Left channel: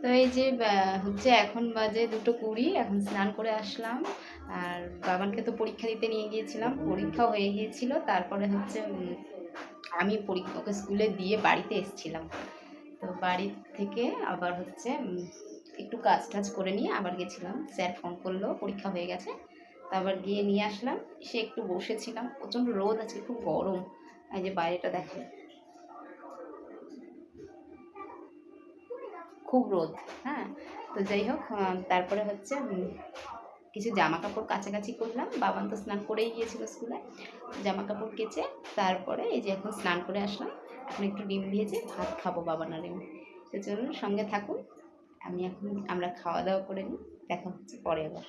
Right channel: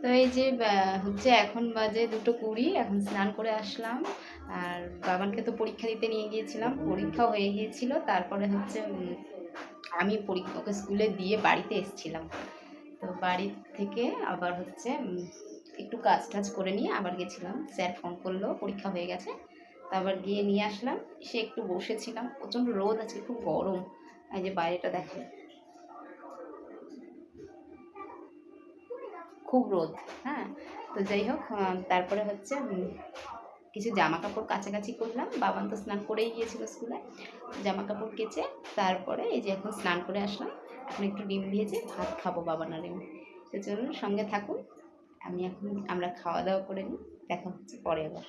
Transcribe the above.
তো এই যে হচ্ছে এখন বাজে দুটো কুড়ি, এখন স্নান করে আসলাম। আর বাবানকে তো পরীক্ষা দিতে নিয়ে গিয়েছিলাম পরীক্ষা হয়ে গিয়েছিল। তারপরে হচ্ছে আমি পরীক্ষা, ওকে স্কুলে দিয়ে বাড়িতে এসেছিলাম। তো বাড়ি থেকে আবার হচ্ছে একটু কাজ টাজ করে নিয়ে আবার গেছিলাম। স্যার ফোন করল, পরীক্ষা হয়ে গেছে। তারপর গিয়ে নিয়ে আসলাম। সে একটু বসেছিলাম। প্রচণ্ড রোদ, আজকে খুব গরম। এই যে বাইরেটা দেখে খুব রোদ হ্যাঁ? তো যাই হোক তারপরে হচ্ছে কিছু জামা কাপড় কাছাকাছি করলাম। বাবান তো স্নান করেই গিয়েছিল স্কুলে। জামা কাপড় কেচে তারপরে এই যে এখন স্নান করে আসলাম। এখন একটু ডিম ভেজে ভাত খাব বাবা না আমি। তো চলুন, সঙ্গে থাকুন। আমি এখন আমরা খাওয়া দাওয়া করে নিই। দেখা হচ্ছে পরে আবার।